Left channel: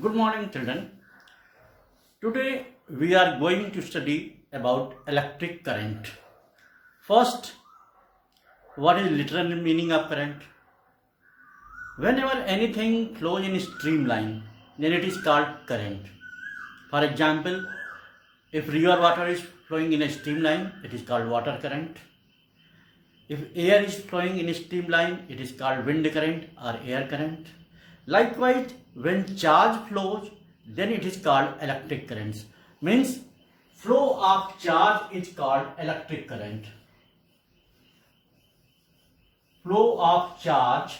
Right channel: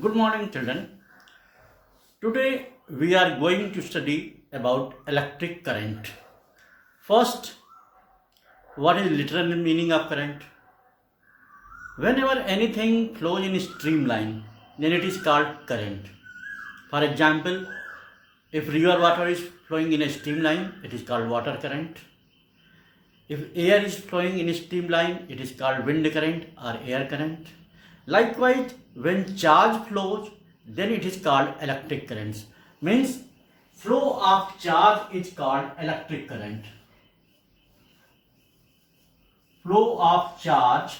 Good morning, children. Today we are going to study about electric current. First, what is literal meaning of current? Whenever anything flows in a streamline, then it is called current. For example, if river water is flowing in a streamline, it is called water current. If air is flowing in a streamline, it is called wind current or air current. Likewise, when charge flows, then it is called electric currents. Means flow of charge is called electric current. Flow of charge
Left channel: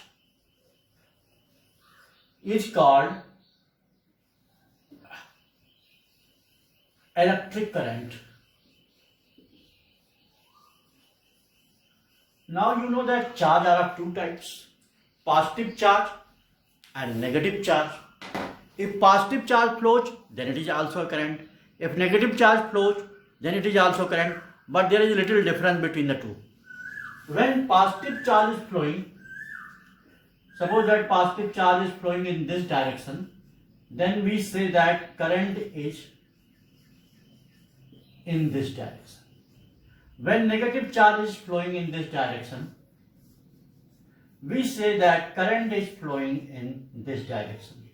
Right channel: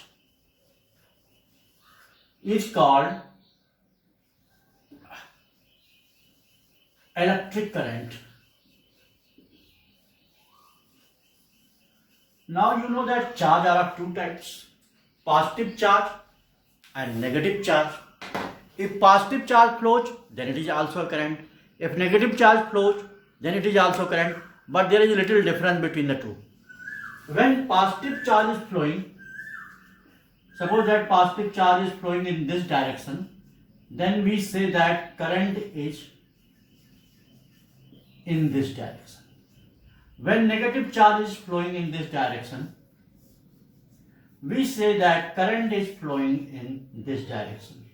is called electric current. Now you know that charge are of two types, positive charge and negative charge. If positive charge flows, then it is also current. If negative charge flows, then it is also current. But there is a little difference between the two. When positive charge is flowing, suppose that positive charge is flowing in this direction, then we say that current is in this direction. When negative charge is flowing in this direction, we say that current is flowing in this direction.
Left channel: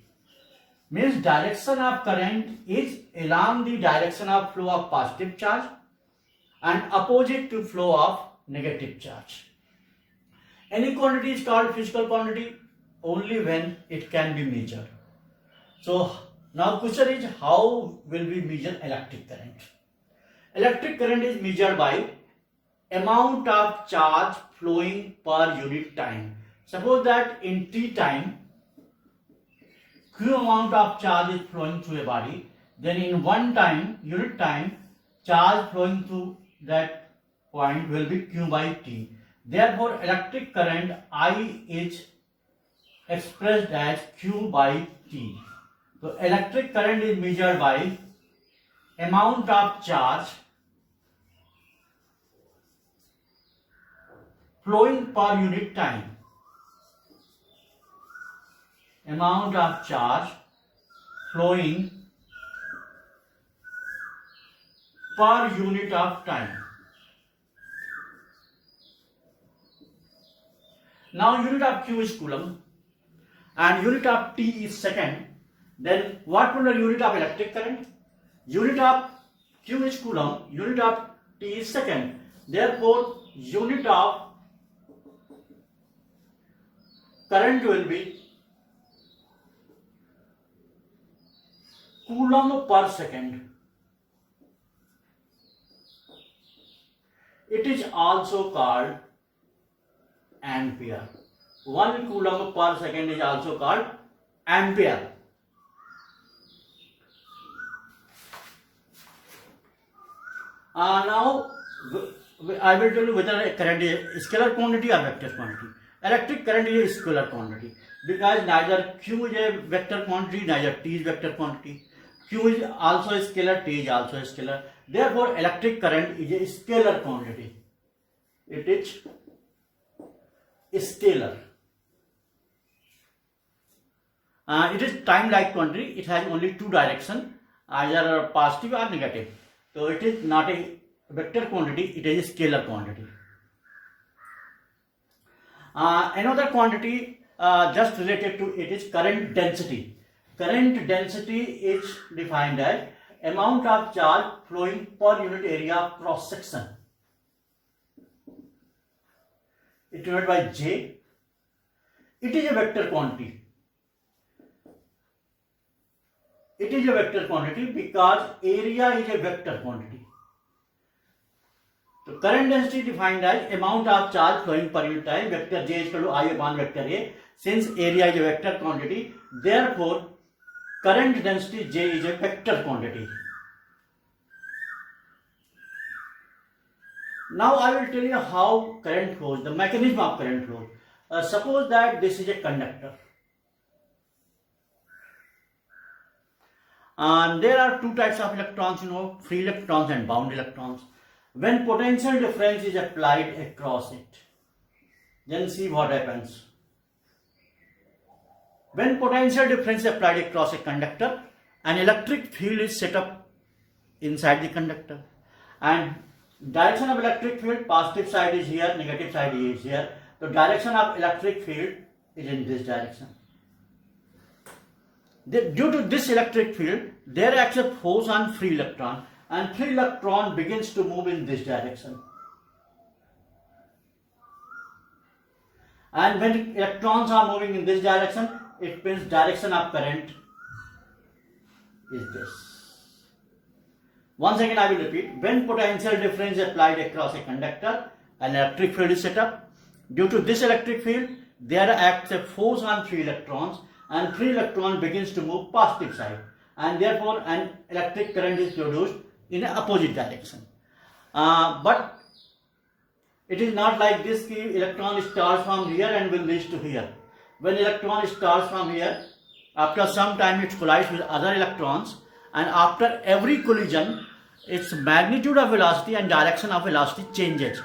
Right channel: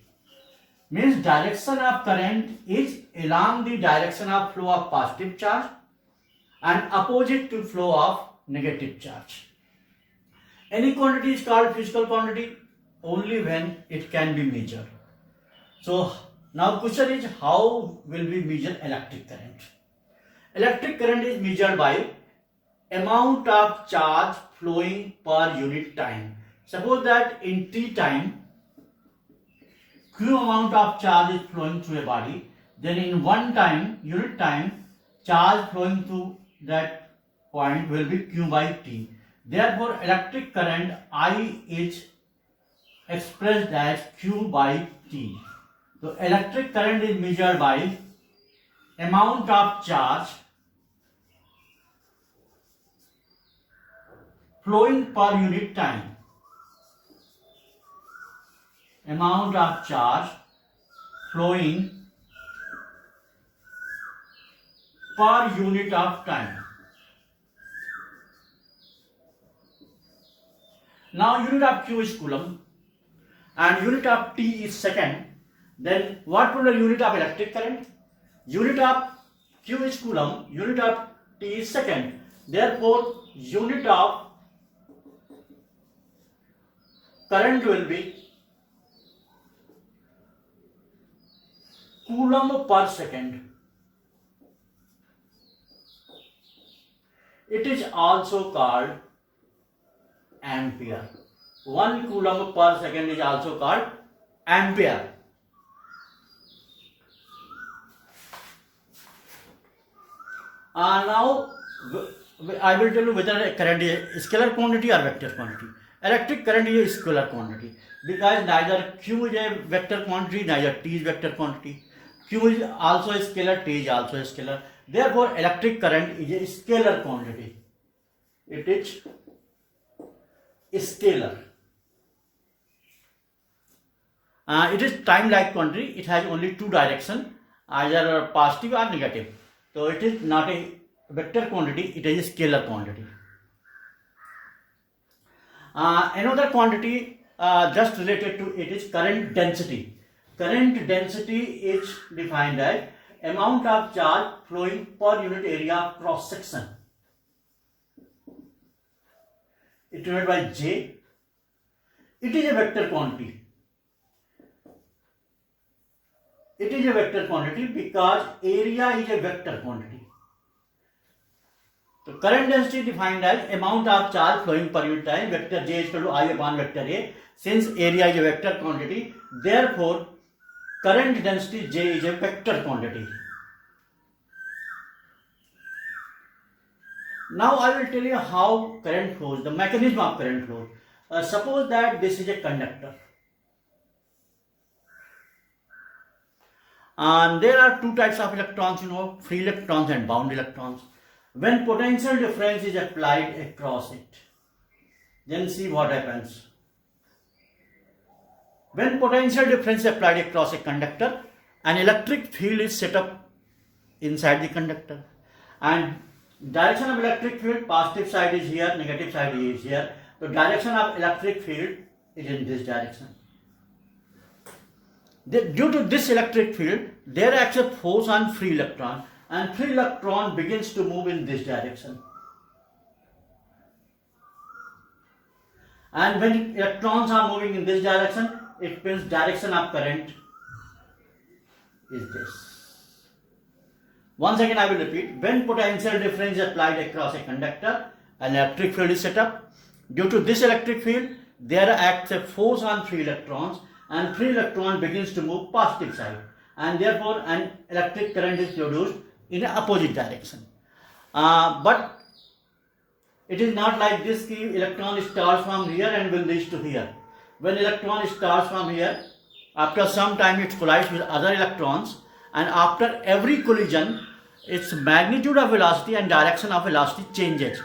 Means direction of current is along the direction of flow of positive charge and opposite to flow of negative charge. Any quantity is called physical quantity only when it can be measured. So now question is, how will we measure electric current? Electric current is measured by amount of charge flowing per unit time. Suppose that in t time, q amount of charge is flowing through a body, then in one time, unit time, charge flowing through that point will be q by t. Therefore, electric current I is expressed as q by t. So, electric current is measured by amount of charge flowing per unit time. Amount of charge flowing per unit of time. Now unit of q is coulomb and unit of t is second. Then what will be the unit of electric current? Unit of q is coulomb, unit of t is second. Therefore, unit of current will be coulomb per second. It is also called ampere. 1 coulomb per second is also called ampere. Now I will tell you whether current is scalar quantity or vector quantity. Electric current is a scalar quantity because neither q is a vector quantity, neither t is vector quantity. Q is also a scalar, T is also a scalar. Therefore, electric current is a scalar quantity. It is scalar. It is time-like quantity. It has only two directions, either positive or negative. So, it is not a vector quantity, it is a scalar quantity. Another quantity just related to it is current density. Current density is defined as amount of charge flowing per unit area of cross section. It is divided by J. It is a vector quantity. It is a vector quantity because area is a vector quantity. So current density defined as amount of charge flowing per unit time, vector J is equal to I upon vector A. Since area is a vector quantity, therefore current density J is a vector quantity. Now I will tell you how current flows, the mechanism of current flows. Suppose that this is a conductor. And there are two types of electrons, free electrons and bound electrons. When potential difference is applied across it, then see what happens. When potential difference is applied across a conductor, an electric field is set up inside the conductor. And direction of electric field, positive side is here, negative side is here. The direction of electric field is in this direction. Due to this electric field, there acts a force on free electron, and free electron begins to move in this direction. And when electrons are moving in this direction, it means direction of current is this. Once again I will repeat. When potential difference is applied across a conductor, an electric field is set up. Due to this electric field, there acts a force on free electrons, and free electron begins to move positive side, and therefore an electric current is produced in an opposite direction. But it is not like this. The electron starts from here and will reach to here. When electron starts from here, after some time it collides with other electrons, and after every collision, its magnitude of velocity and direction of velocity changes,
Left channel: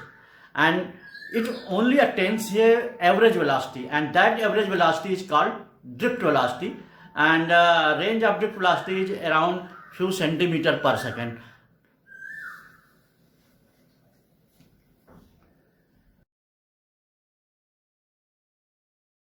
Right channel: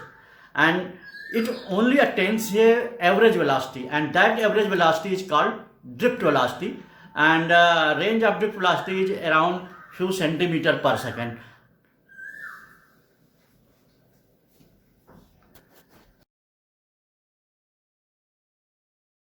and it only attains a average velocity, and that average velocity is called drift velocity, and range of drift velocity is around few centimeters per second.